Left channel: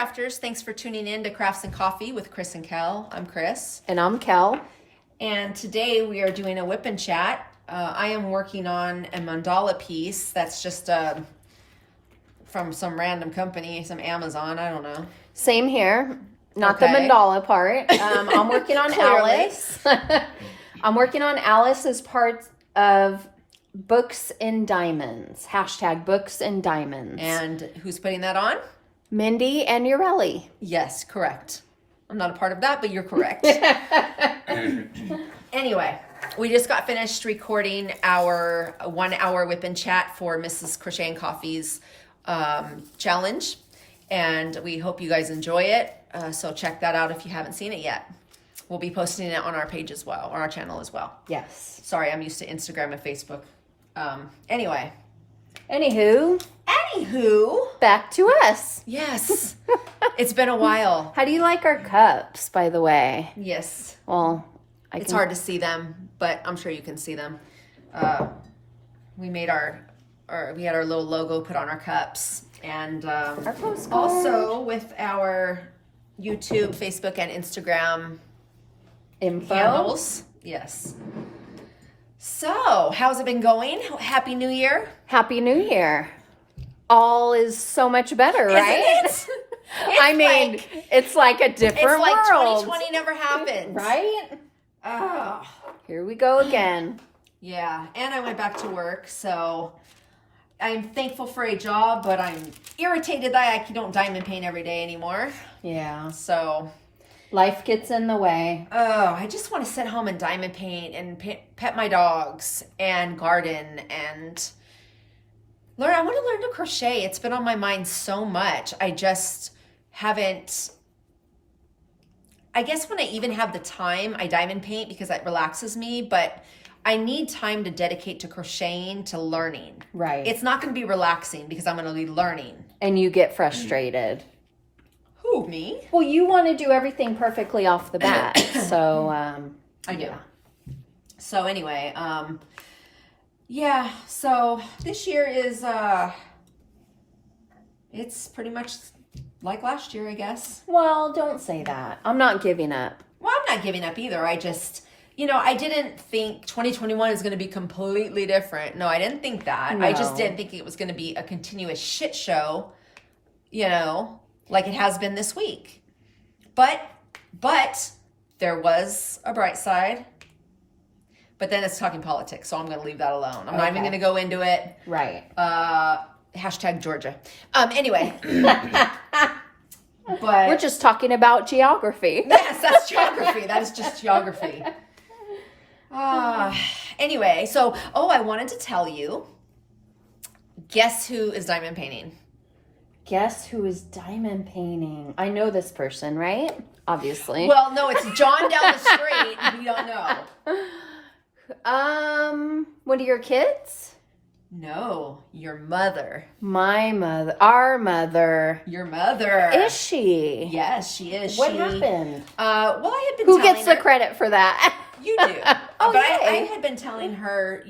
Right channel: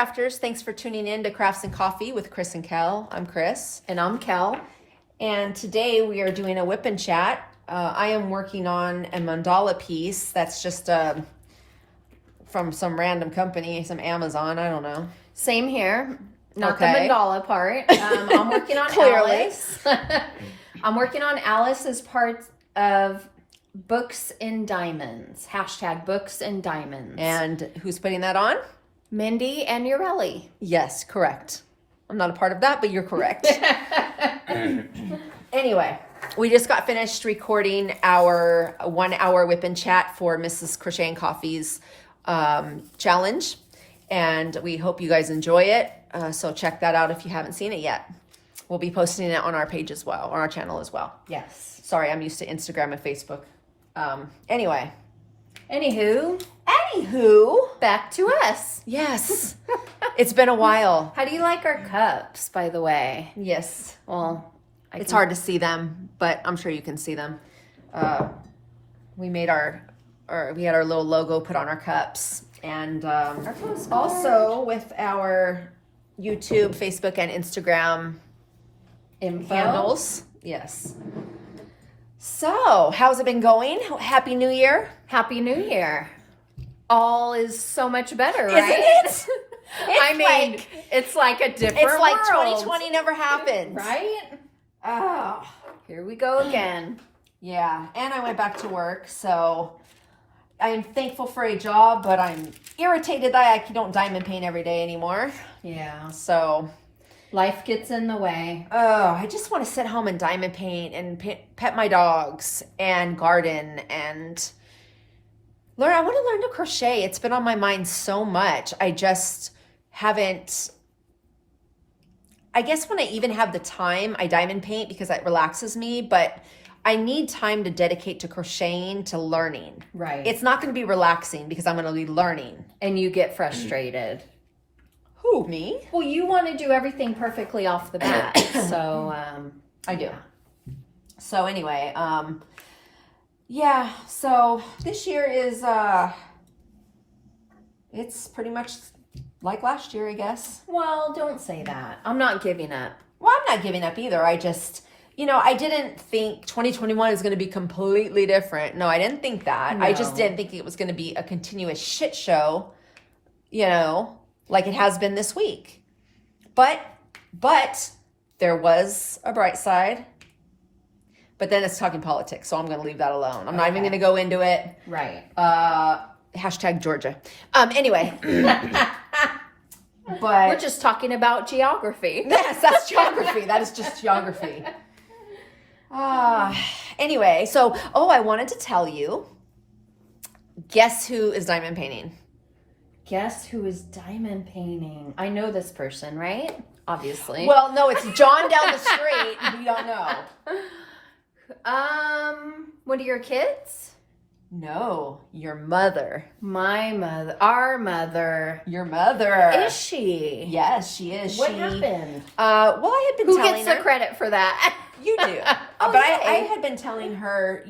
crafters, thanks for tuning in to Crafts and Coffee with Kris and Kel. I'm Kris. And I'm Kel. And today we are doing a WIP and chat. I am working on a mandala piece that's just from some random company, some Amazon, I don't know. Same here. Not the mandala part. I'm working on Alice. I'm working on Alice as part of Books in Diamonds. Hashtag Books in Diamonds. And who's putting that on? Mindy and Urelli. Yes, correct. I'm not a part of that, but you're correct. Anyway, we just got finished recording our 1 hour WIP and chat for Mrs. Crochet and Coffee's challenge. And we hope you guys enjoy it. So check that out if you haven't seen it yet. We'll be posting it on our page as well, on our channel as well. Yes. Sorry, I'm used to Instagram and Facebook. Anyway. Anywho, back to us. Yes. It's been a while. How do you like our cups, by the way? Yes. Well, it's hard to see them, but I'm sure you can see them. We had our little logo put on our cups, and also with our YouTube, Facebook, and Instagram handles. Yes. So, how's it been going? Happy New Year. Happy New Year. All is so much better, right? It's like a different world. It's like 2020 never happened. Right? Oh. Here we go again. Yeah, and I went back to work, so I'm thankful for a job, but I'm irritated that I don't diamond paint every day anymore. Yeah. So life gets in the way. Oh, I just want to sit home and diamond paint and pet my dogs and garden and learn. I want to learn to crochet. It's been on my mind so much. I just haven't. I guess when I even have the time, I diamond paint because that relaxes me, but I need time to dedicate to crocheting, to learning. Right. It's not going to be relaxing because I'm going to be learning. And you get frustrated. Who, me? Well, you want to do everything perfectly off the bat, so I do. So anyway, yeah. So this year is it's pretty much like last year, I guess. Well, don't say that. I'm not giving up. Well, I'm not giving up either. I just, I didn't think 2021 is going to be completely different. No, I didn't think that. No. I just didn't think it was going to be a continuous shit show, like it has been this week. But there was a bright side. But then it's talking politics, so I'm going to leave that alone. I'm not even going to go into it. Right. Hashtag Georgia. Anyway. But we're just talking about geography. Yes, that's geography. That is just geography. Anyway, so, I wanted to tell you, guess who is diamond painting? Guess who is diamond painting? I know this person, right? Obviously. Well, no, it's John down the street. We don't know. One of your kids? No, your mother. My mother. Our mother. Your mother. Is she? Yes, she is. What happened? Well, I had been Who gets the credit for that? You do. But I had been telling her,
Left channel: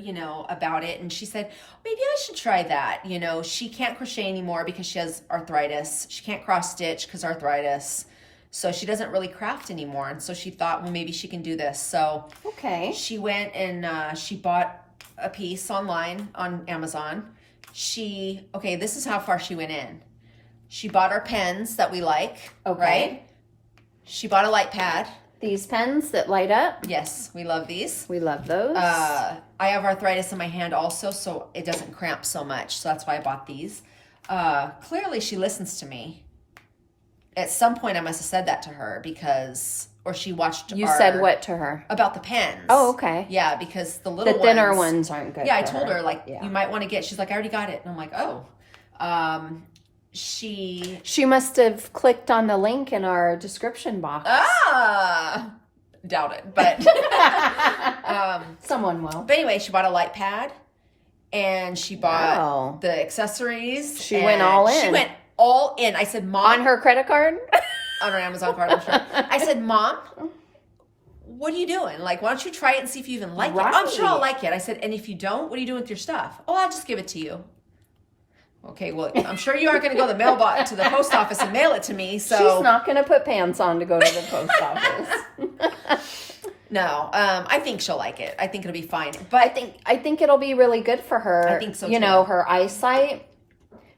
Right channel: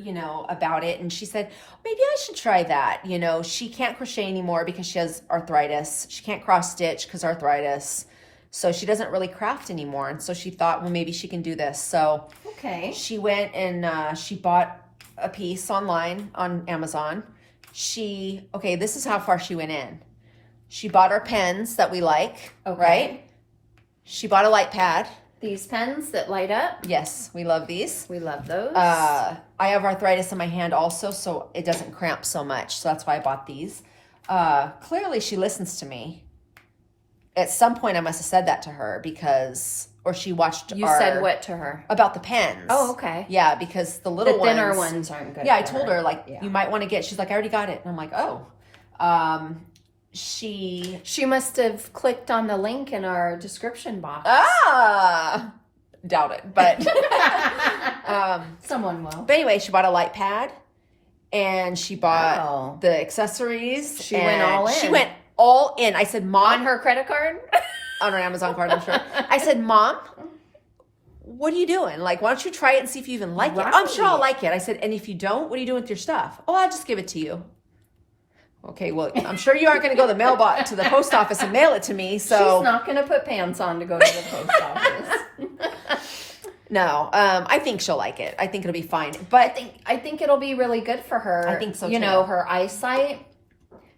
about it, and she said, maybe I should try that. She can't crochet anymore because she has arthritis. She can't cross stitch because arthritis. So she doesn't really craft anymore. And so she thought, well, maybe she can do this. So she went and she bought a piece online on Amazon. This is how far she went in. She bought our pens that we like, right? She bought a light pad. These pens that light up? Yes, we love these. We love those. I have arthritis in my hand also, so it doesn't cramp so much. So that's why I bought these. Clearly she listens to me. At some point I must have said that to her or she watched You said what to her? About the pens. Oh, okay. Yeah, because the little ones. The thinner ones aren't good. Yeah, I told her, you might want to get, she's like, I already got it. And I'm like, oh. She must have clicked on the link in our description box. Doubt it, but someone will. But anyway, she bought a light pad and she bought the accessories. She went all in. She went all in. I said, Mom. On her credit card? On her Amazon card, I'm sure. I said, Mom, what are you doing? Why don't you try it and see if you even like it? I'm sure I'll like it. I said, and if you don't, what are you doing with your stuff? Oh, I'll just give it to you. Okay, well, I'm sure you aren't going to go to the post office and mail it to me. So she's not going to put pants on to go to the post office. No, I think she'll like it. I think it'll be fine. But I think it'll be really good for her. I think so too. You know, her eyesight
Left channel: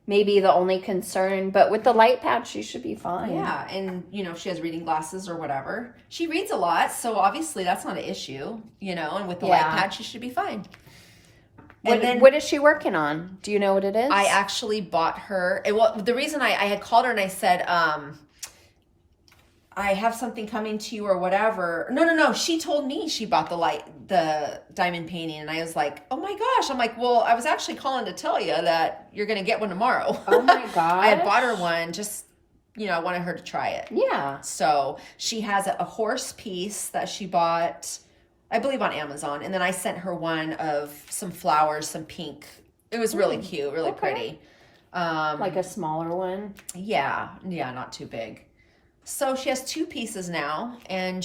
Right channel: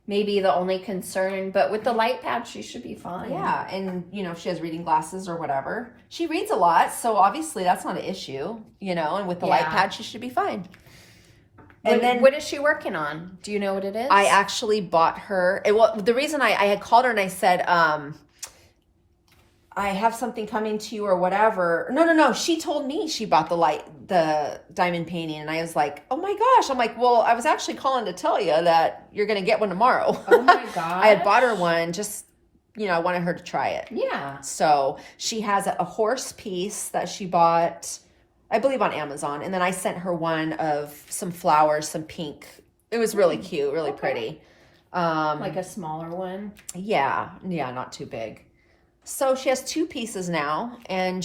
may be the only concern, but with the light pad, she should be fine. Yeah, and you know, if she has reading glasses or whatever, she reads a lot, so obviously that's not an issue. You know, and with the light pad, she should be fine. What is she working on? Do you know what it is? I actually bought her. Well, the reason I had called her and I said, I have something coming to you or whatever. No. She told me she bought the diamond painting, and I was like, oh my gosh. I'm like, well, I was actually calling to tell you that you're going to get one tomorrow. Oh my gosh. I had bought her one, just, you know, I wanted her to try it. Yeah. So she has a horse piece that she bought, I believe, on Amazon. And then I sent her one of some flowers, some pink. It was really cute, really pretty. Like a smaller one? Yeah, not too big. So she has 2 pieces now, and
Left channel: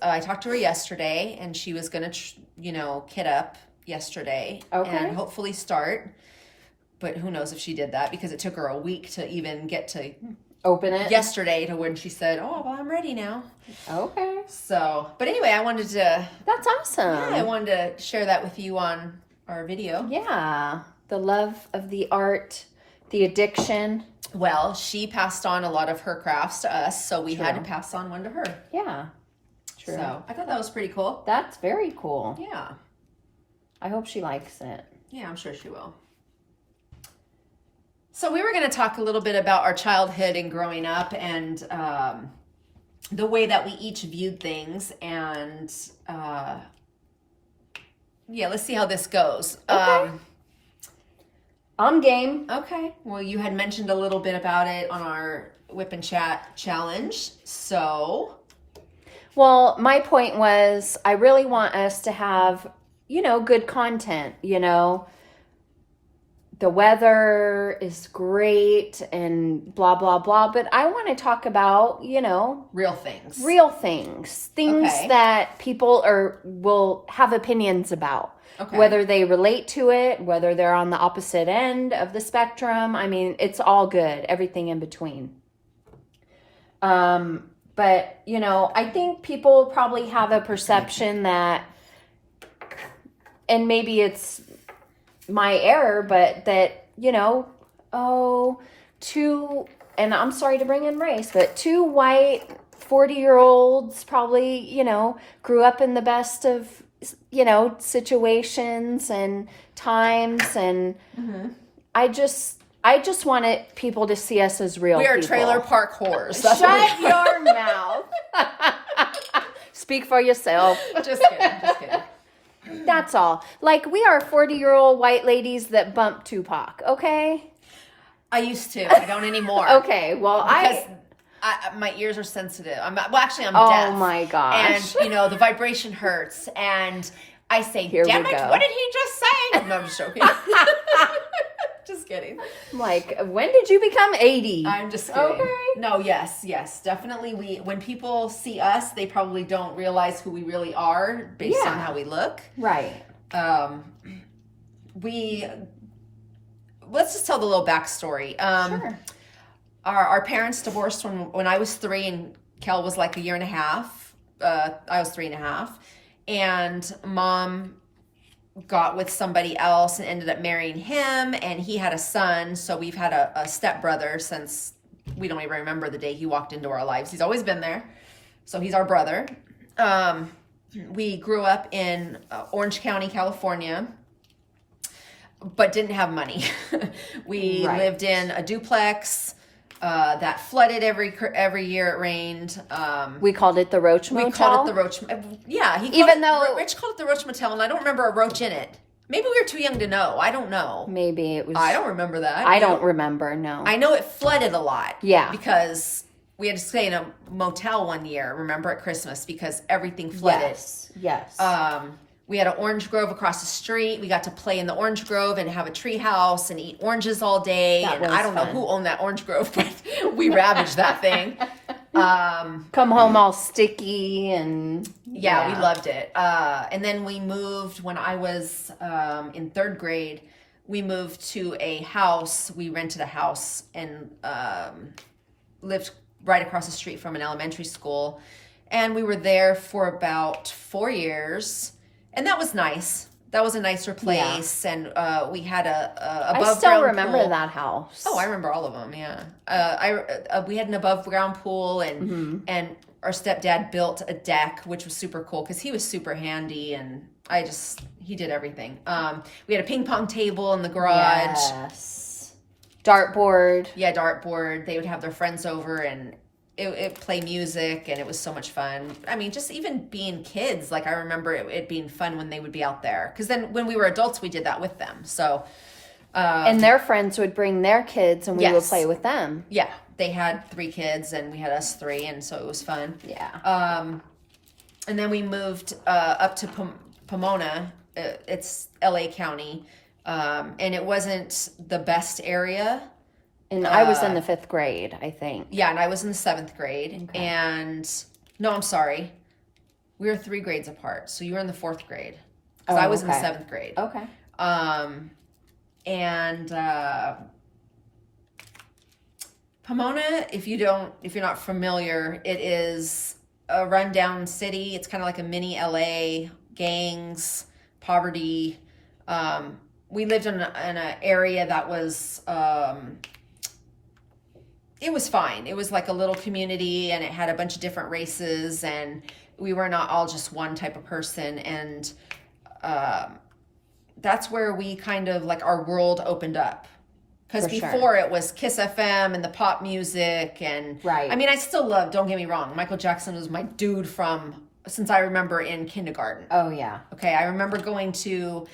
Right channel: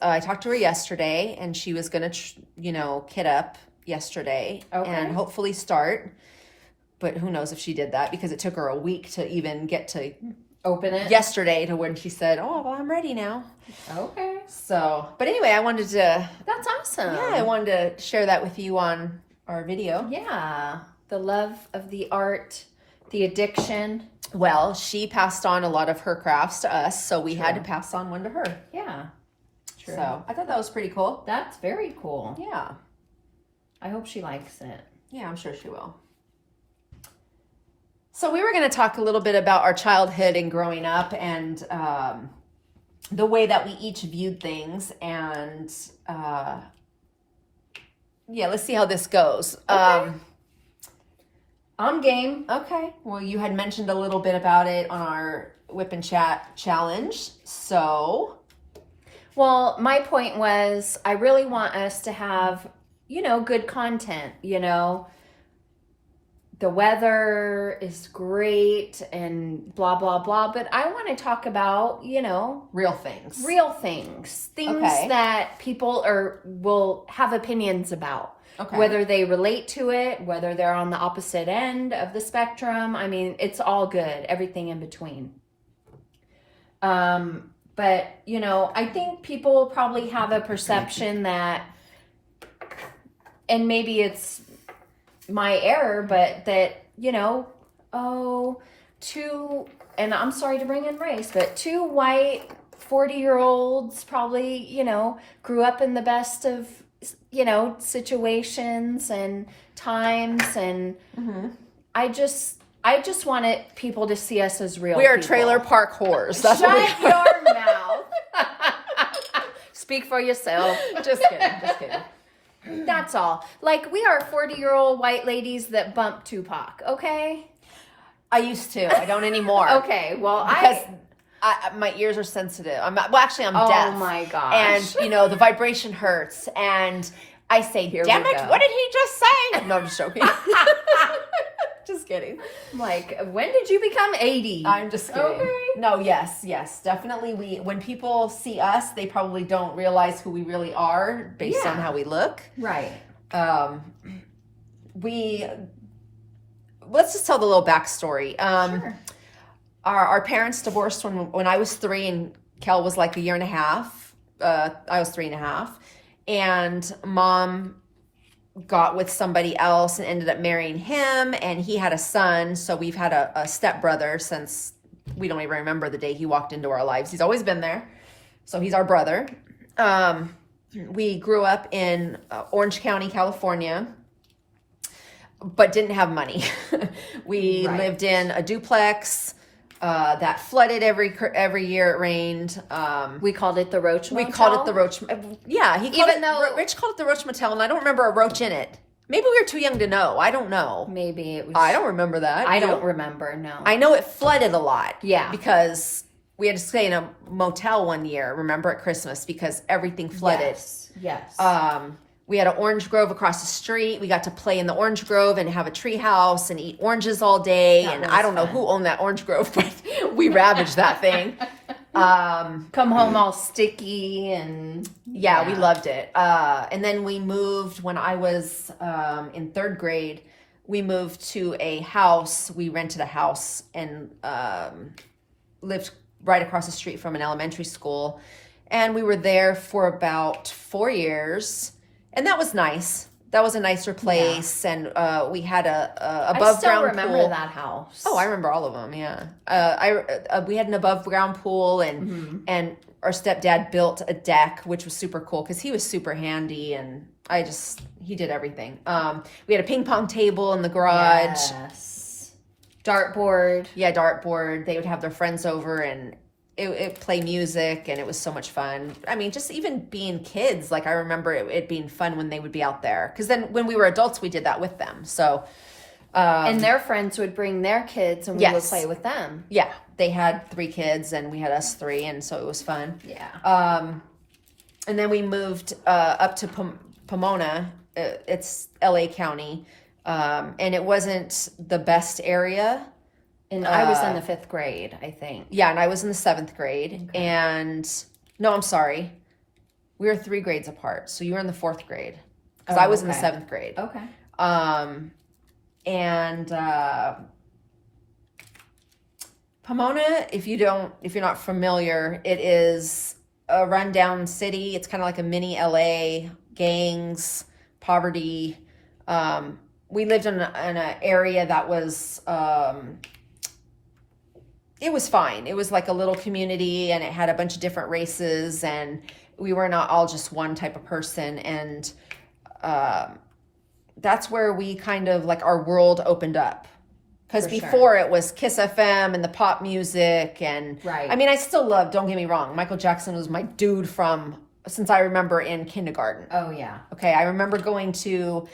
I talked to her yesterday, and she was going to, kit up yesterday and hopefully start. But who knows if she did that, because it took her a week to even get to open it yesterday to when she said, oh, well, I'm ready now. Okay. So, but anyway, I wanted to... That's awesome. Yeah, I wanted to share that with you on our video. Yeah. The love of the art, the addiction. Well, she passed on a lot of her crafts to us, so we had to pass on one to her. Yeah. True. So I thought that was pretty cool. That's very cool. Yeah. I hope she likes it. Yeah, I'm sure she will. So we were going to talk a little bit about our childhood and growing up, and the way that we each viewed things, and let's see how this goes. Okay. I'm game. Okay. Well, you had mentioned a little bit about it on our WIP and Chat challenge. So, well, my point was I really want us to have, good content, The weather is great and blah, blah, blah. But I want to talk about, real things. Things that people will have opinions about. Okay. Whether they relate to it, whether they're on the opposite end of the spectrum. I mean, it's all good. Everything in between. But, I think people probably have a perception that, and maybe it's my error, but that, and I'm sorry to bring in race, but 2 white 40-year-olds probably, grew up in the best of, situations and times, and I just wanted people to see us as real people. We are trailer park whores. Shut your mouth. Speak for yourself. Just kidding. That's all. Like, we are 40-year-old white ladies that bump Tupac, okay? I used to. I don't anymore. Okay, well, because my ears are sensitive. I'm deaf. Oh my gosh. And, the vibration hurts. And I say, damn it, what did he just say? No, I'm just joking. Just kidding. Like, when did you become 80? I'm just kidding. Okay. No, yes. Definitely, when people see us, they probably don't realize who we really are based on how we look. Right. Let's just tell the little backstory. Sure. Our parents divorced when I was 3 and Kel was like a year and a half. I was 3.5. And Mom got with somebody else and ended up marrying him, and he had a son. So we've had a stepbrother since we don't even remember the day he walked into our lives. He's always been there. So he's our brother. We grew up in Orange County, California, but didn't have money. We lived in a duplex that flooded every year it rained. We called it the Roach Motel. We called it the Roach. Yeah, Rich called it the Roach Motel, and I don't remember a roach in it. Maybe we were too young to know. I don't know. Maybe it was. I don't remember that. I don't remember. No. I know it flooded a lot. Yeah. Because we had to stay in a motel one year. Remember, at Christmas, because everything flooded. Yes. We had an orange grove across the street. We got to play in the orange grove and have a tree house and eat oranges all day. I don't know who owned that orange grove, but we ravaged that thing. Come home all sticky and... Yeah, we loved it. And then we moved when I was in 3rd grade. we moved to a house. We rented a house and lived right across the street from an elementary school. And we were there for about 4 years. And that was nice. That was a nicer place. Yeah. And we had a above ground pool. I still remember that house. Oh, I remember all of them, yeah. We had an above ground pool, and our stepdad built a deck, which was super cool because he was super handy, and he did everything. We had a ping pong table in the garage. Yes. Dartboard. Yeah, dartboard. They would have their friends over, and it play music, and it was so much fun. I mean, just even being kids, like I remember it being fun when they would be out there. Because then when we were adults, we did that with them. So, and their friends would bring their kids, and we would play with them. Yeah, they had 3 kids, and we had us 3, and so it was fun. Yeah. And then we moved up to Pomona. It's LA County, and it wasn't the best area. And I was in the 5th grade, I think. Yeah, and I was in the 7th grade. Okay. And no, I'm sorry. We were 3 grades apart. So you were in the 4th grade. Because I was in the 7th grade. Okay. And Pomona, if you're not familiar, it is a rundown city. It's kind of like a mini LA, gangs, poverty. We lived in an area that was it was fine. It was like a little community, and it had a bunch of different races, and we were not all just one type of person. And that's where we kind of like our world opened up. Because before it was Kiss FM and the pop music, and right. I mean, I still love, don't get me wrong, Michael Jackson was my dude since I remember in kindergarten. Oh yeah. Okay, I remember going to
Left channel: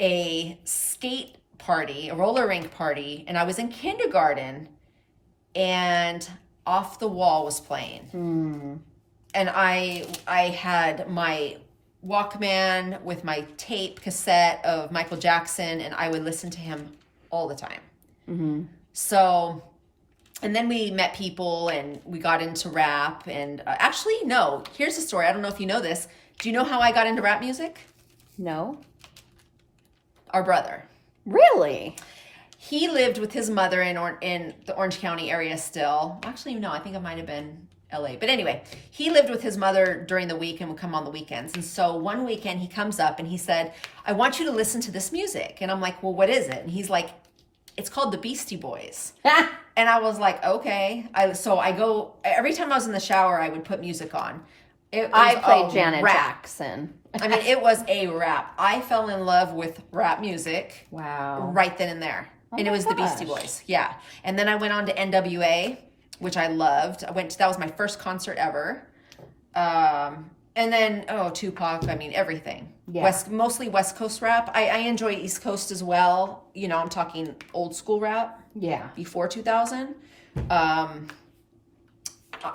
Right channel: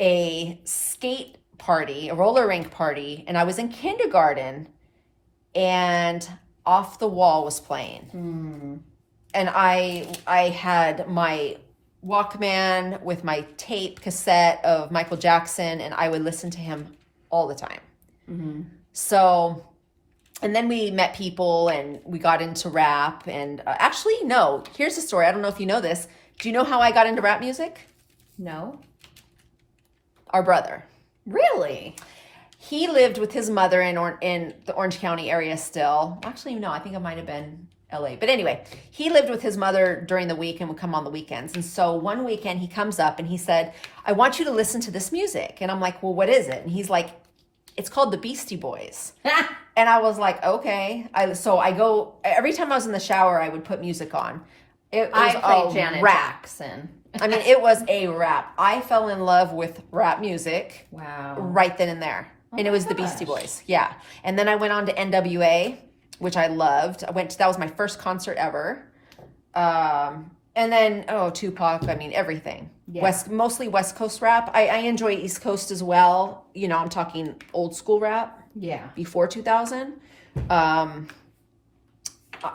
a skate party, a roller rink party, and I was in kindergarten, and Off the Wall was playing. And I had my Walkman with my tape cassette of Michael Jackson, and I would listen to him all the time. So, and then we met people, and we got into rap, and actually, no, here's the story. I don't know if you know this. Do you know how I got into rap music? No. Our brother. Really? He lived with his mother in the Orange County area still. Actually, no, I think it might have been LA. But anyway, he lived with his mother during the week and would come on the weekends. And so one weekend he comes up and he said, I want you to listen to this music. And I'm like, well, what is it? And he's like, it's called the Beastie Boys. And I was like, okay. So I go, every time I was in the shower, I would put music on. I played Janet Jackson. I mean, it was a rap. I fell in love with rap music. Wow. Right then and there. And it was the Beastie Boys. Yeah. And then I went on to NWA, which I loved. That was my first concert ever. And then, Tupac, I mean, everything. Yeah. Mostly West Coast rap. I enjoy East Coast as well. You know, I'm talking old school rap. Yeah. Before 2000.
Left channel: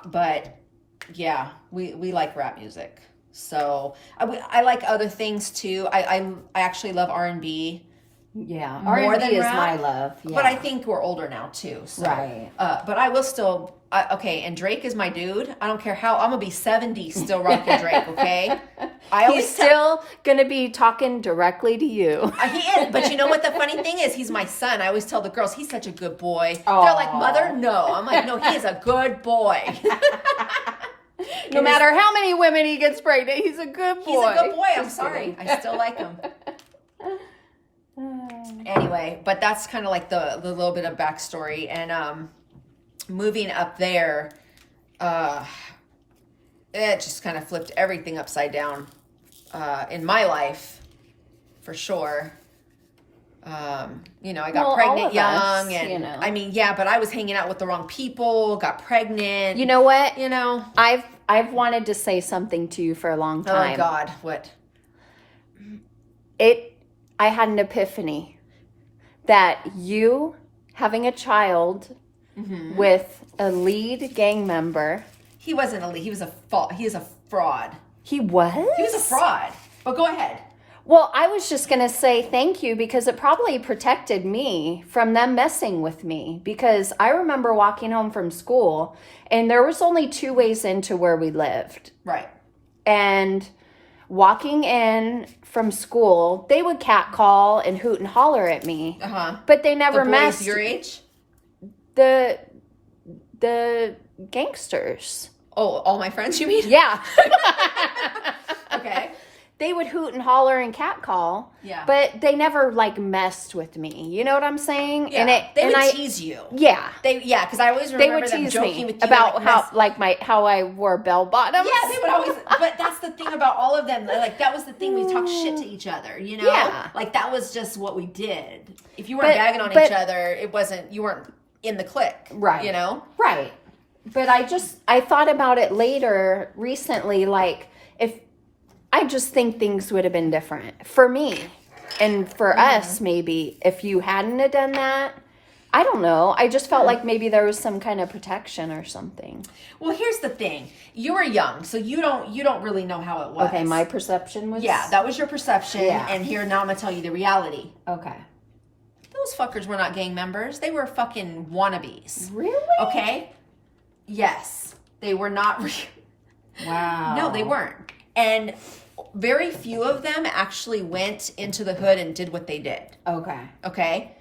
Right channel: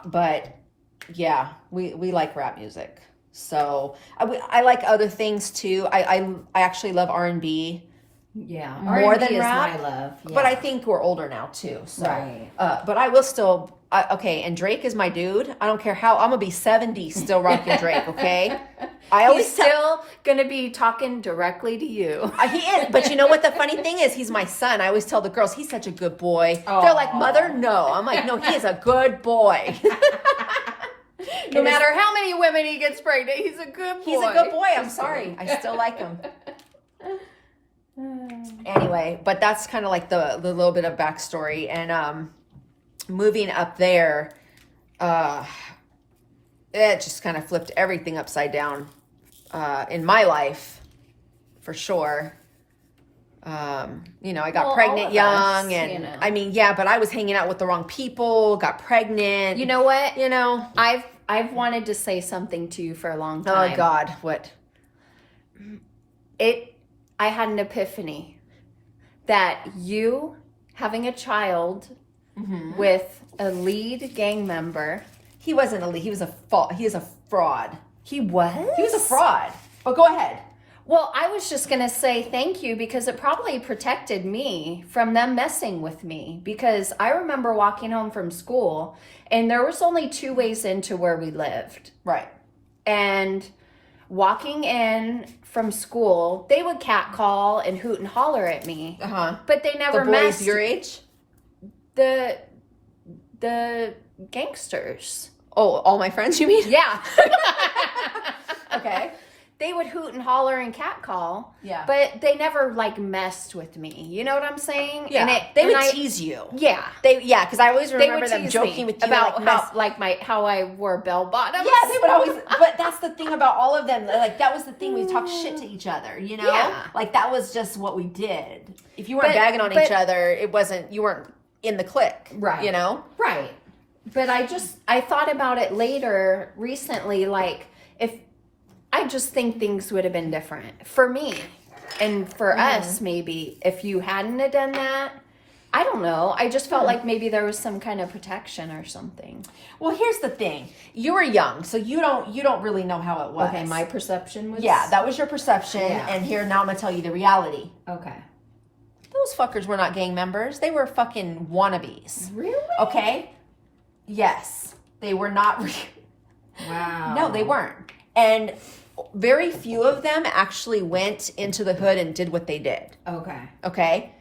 But yeah, we like rap music. So I like other things too. I actually love R&B. Yeah, R&B is my love. Yeah. But I think we're older now too. So, right. But I will still. Okay, and Drake is my dude. I don't care how. I'm gonna be 70 still rocking Drake. Okay. He's still gonna be talking directly to you. He is. But you know what the funny thing is? He's my son. I always tell the girls he's such a good boy. Aww. They're like, mother, no. I'm like, no, he is a good boy. No matter how many women he gets pregnant, he's a good boy. He's a good boy. I'm sorry. I still like him. Anyway, but that's kind of like the little bit of backstory. And moving up there, it just kind of flipped everything upside down in my life, for sure. I got pregnant young, and I mean, yeah, but I was hanging out with the wrong people, got pregnant. You know what? I've wanted to say something to you for a long time. Oh God, what? I had an epiphany that you having a child with a lead gang member. He wasn't a lead. He was a fraud. He was? He was a fraud. But go ahead. Well, I was just going to say thank you because it probably protected me from them messing with me. Because I remember walking home from school and there was only 2 ways into where we lived. Right. And walking in from school, they would catcall and hoot and holler at me. But they never messed. The boys your age? The gangsters. Oh, all my friends, you mean? Yeah. Okay. They would hoot and holler and catcall. Yeah. But they never like messed with me. You know what I'm saying? Yeah. They would tease you. Yeah. Because I always remember them joking with you about how I wore bell bottoms. Yeah, they would always. But that's the thing about all of them. Like that was the thing, we talked shit to each other. You know. Yeah. Like that was just what we did. If you weren't bagging on each other, it wasn't. You weren't in the clique. Right. You know. Right. But I thought about it later recently. Like I just think things would have been different for me and for us, maybe, if you hadn't have done that. I don't know. I just felt like maybe there was some kind of protection or something. Well, here's the thing. You were young, so you don't really know how it was. Okay, my perception was... Yeah, that was your perception, and here, now I'm going to tell you the reality. Okay. Those fuckers were not gang members. They were fucking wannabes. Really? Okay? Yes. They were not... Wow. No, they weren't. And very few of them actually went into the hood and did what they did. Okay. Okay?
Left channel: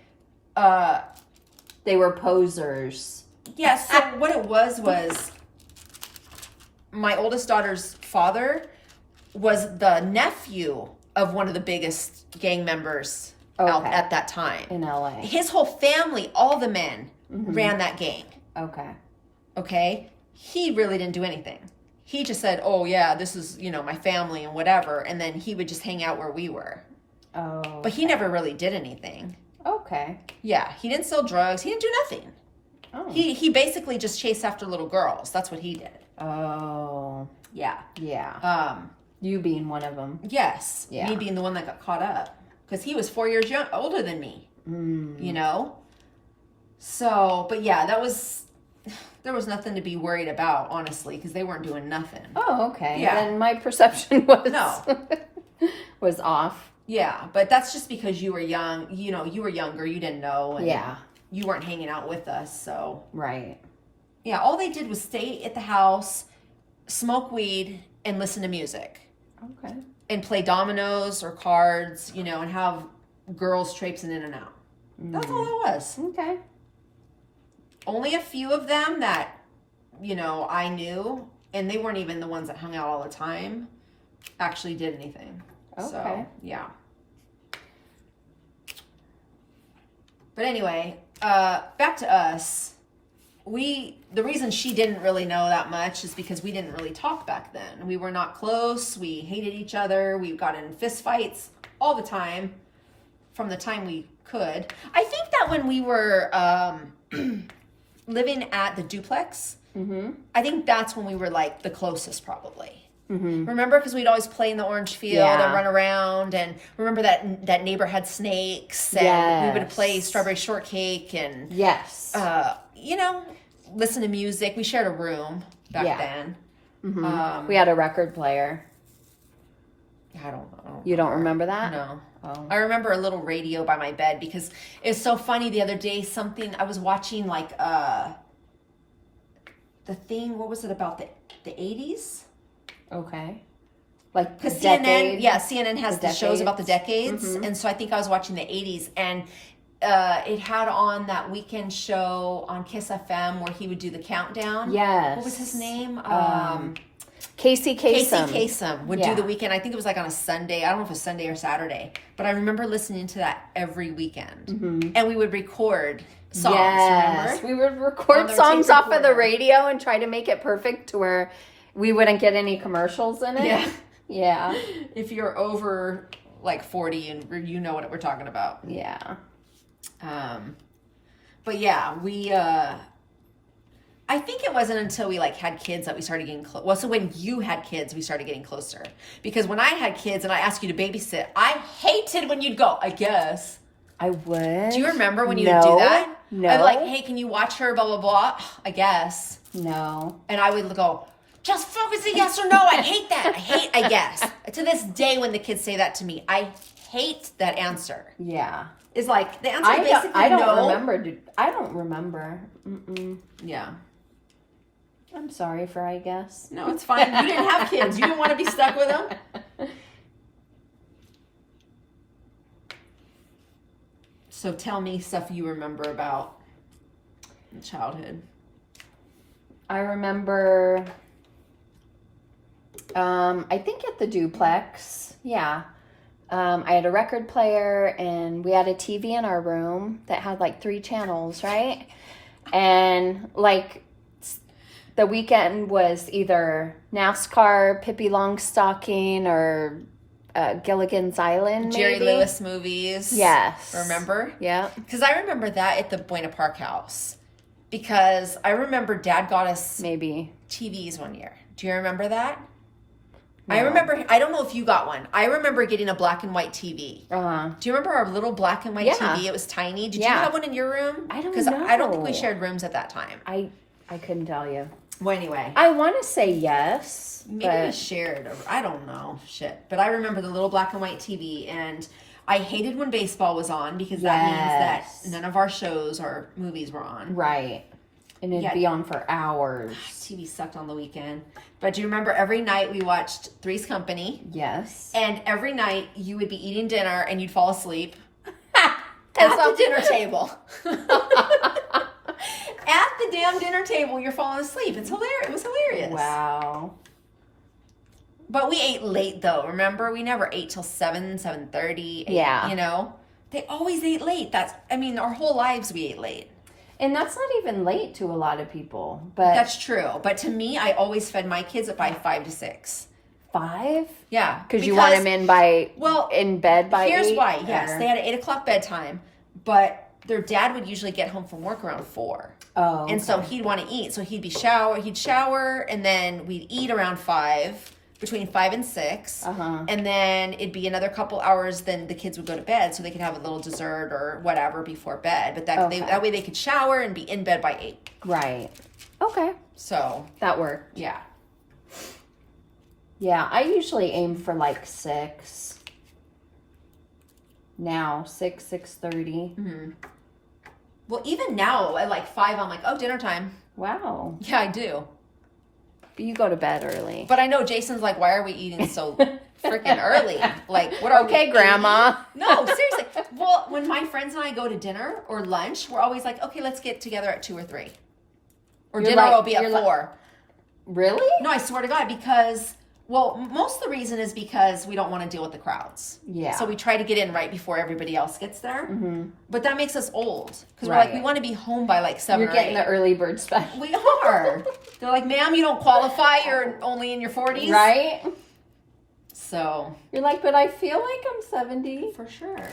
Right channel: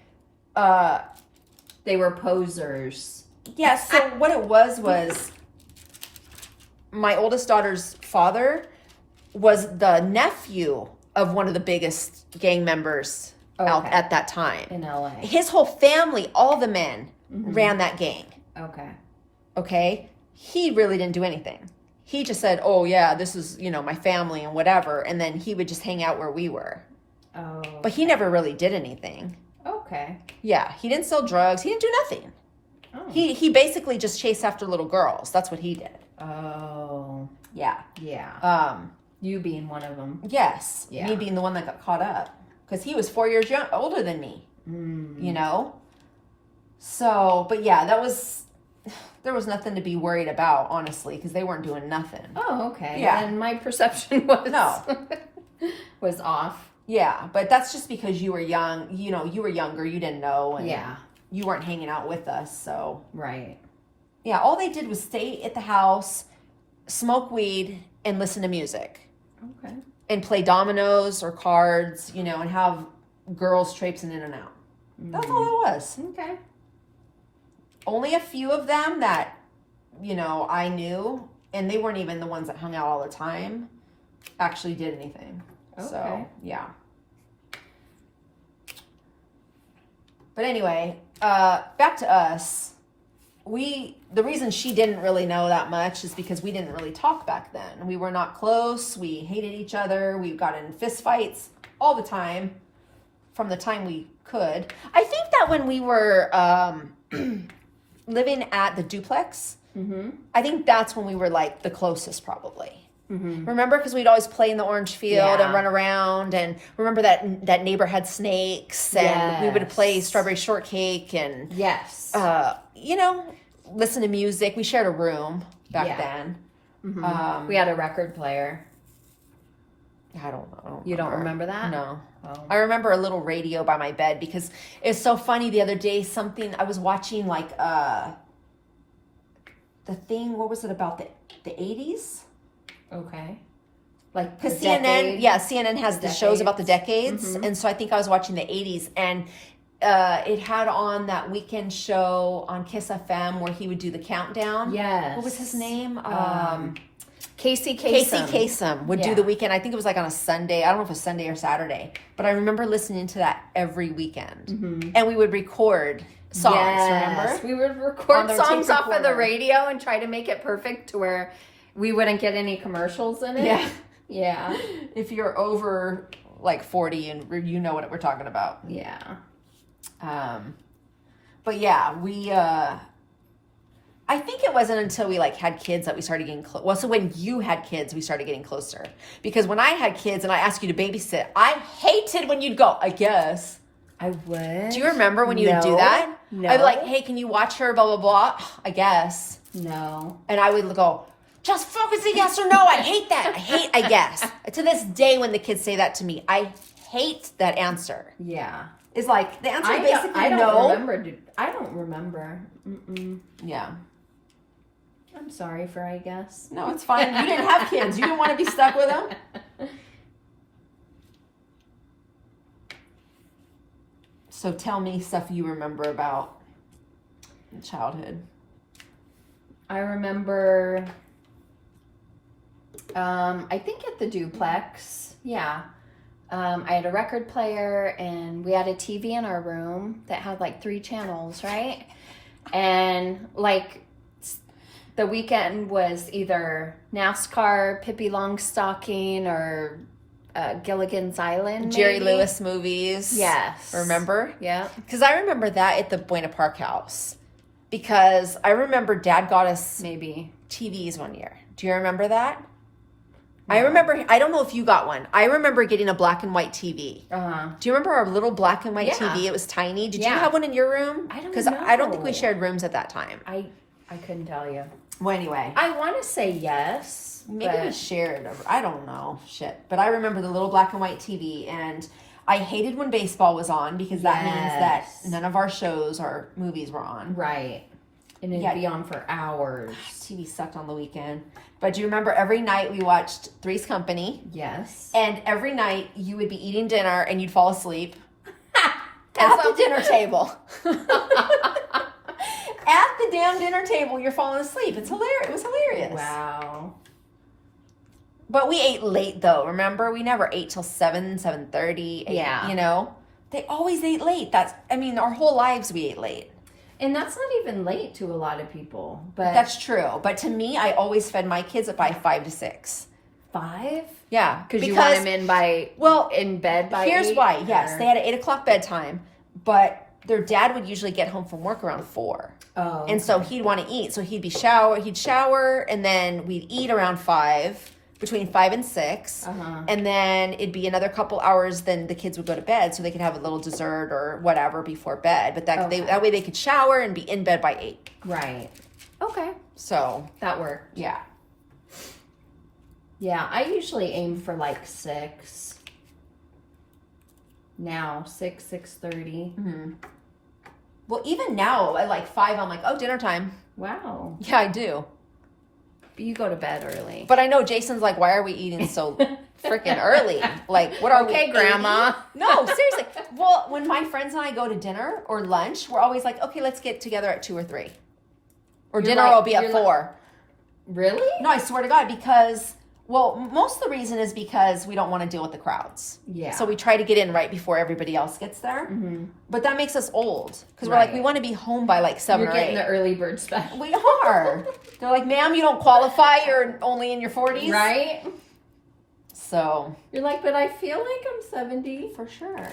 They were posers. Yeah, so what it was my oldest daughter's father was the nephew of one of the biggest gang members out at that time. In LA. His whole family, all the men, ran that gang. Okay. Okay? He really didn't do anything. He just said, oh, yeah, this is, my family and whatever. And then he would just hang out where we were. Oh. But he never really did anything. Okay. Yeah, he didn't sell drugs. He didn't do nothing. Oh. He basically just chased after little girls. That's what he did. Oh. Yeah. Yeah. You being one of them. Yes. Yeah. Me being the one that got caught up. Because he was 4 years older than me. You know? So, but yeah, there was nothing to be worried about, honestly, because they weren't doing nothing. Oh, okay. Yeah. And my perception was off. Yeah, but that's just because you were young. You were younger. You didn't know. And Yeah. You weren't hanging out with us, so. Right. Yeah, all they did was stay at the house, smoke weed, and listen to music. Okay. And play dominoes or cards, and have girls traipsing in and out. That's all it was. Okay. Only a few of them that, I knew, and they weren't even the ones that hung out all the time, actually did anything. Okay. So, yeah. But anyway, back to us. The reason she didn't really know that much is because we didn't really talk back then. We were not close. We hated each other. We got in fist fights all the time from the time we could. I think that when we were living at the duplex, I think that's when we were like the closest probably. Remember, because we'd always play in the orange field and run around, and remember that neighbor had snakes, and we would play strawberry shortcake and listen to music. We shared a room back then. We had a record player. I don't know. You don't remember that? No. Oh. I remember a little radio by my bed because it's so funny. The other day, I was watching like the thing. What was it about the 80s? Okay. Like because CNN has the shows about the decades, and so I think I was watching the 80s, and it had on that weekend show on Kiss FM where he would do the countdown. Yes. What was his name? Casey Kasem. Casey Kasem would do the weekend. I think it was like on a Sunday. I don't know if it was Sunday or Saturday, but I remember listening to that every weekend, and we would record songs. Remember? We would record songs off of the radio and try to make it perfect to where we wouldn't get any commercials in it. Yeah. Yeah. If you're over like 40 and you know what we're talking about. Yeah. But yeah, we, I think it wasn't until we like had kids that we started getting close. Well, so when you had kids, we started getting closer. Because when I had kids and I asked you to babysit, I hated when you'd go, I guess. I would. Do you remember when you would do that? No. I'd be like, hey, can you watch her, blah, blah, blah. I guess. No. And I would go, just focus a yes or no. I hate that. I guess. To this day, when the kids say that to me, I hate that answer. Yeah. It's like, the answer basically I don't no. remember. I don't remember. Mm-mm. Yeah. I'm sorry for I guess. No, it's fine. You didn't have kids. You didn't want to be stuck with them. So tell me stuff you remember about childhood. I remember, I think at the duplex, yeah. I had a record player and we had a TV in our room that had like 3 channels, right? And like the weekend was either NASCAR, Pippi Longstocking, or Gilligan's Island, Jerry maybe. Lewis movies. Yes. Remember? Yeah. Because I remember that at the Buena Park house. Because I remember Dad got us Maybe TVs one year. Do you remember that? No. I remember, I don't know if you got one. I remember getting a black and white TV. Do you remember our little black and white TV? It was tiny. Did you have one in your room? I don't know. Because I don't think we shared rooms at that time. I couldn't tell you. Well, anyway. I want to say yes. Maybe we shared. I don't know. Shit. But I remember the little black and white TV, and I hated when baseball was on because that means that none of our shows or movies were on. Right. And it'd be on for hours. TV sucked on the weekend. But do you remember every night we watched Three's Company? Yes. And every night you would be eating dinner and you'd fall asleep at the dinner table. At the damn dinner table, you're falling asleep. It's hilarious. It was hilarious. Wow. But we ate late, though. Remember, we never ate till 7:30. Yeah. You know, they always ate late. Our whole lives we ate late. And that's not even late to a lot of people. But That's true. But to me, I always fed my kids by 5 to 6. 5? Yeah, Because you want them in bed by 8? Here's why. Yes, they had an 8 o'clock bedtime, but their dad would usually get home from work around 4. Oh. Okay. And so he'd want to eat. So he'd shower, and then we'd eat around 5, between 5 and 6. And then it'd be another couple hours, then the kids would go to bed so they could have a little dessert or whatever before bed. But that way they could shower and be in bed by 8. Right. Okay. So. That worked. Yeah. Yeah, I usually aim for like 6. Now, 6:30. Mm-hmm. Well, even now at like 5, I'm like, oh, dinner time. Wow. Yeah, I do. You go to bed early. But I know Jason's like, why are we eating so freaking early? Like, what are we Grandma. eating? No, seriously. Well, when my friends and I go to dinner or lunch, we're always like, okay, let's get together at 2 or 3. Or dinner will be at 4. Really? No, I swear to God, because, well, most of the reason is because we don't want to deal with the crowds. Yeah. So we try to get in right before everybody else gets there. Mm-hmm. But that makes us old. Because we're like, we want to be home by like 7 or 8. You're getting the early bird special. We are. They're like, ma'am, you don't qualify. You're only in your 40s. Right? So. You're like, but I feel like I'm 70. For sure.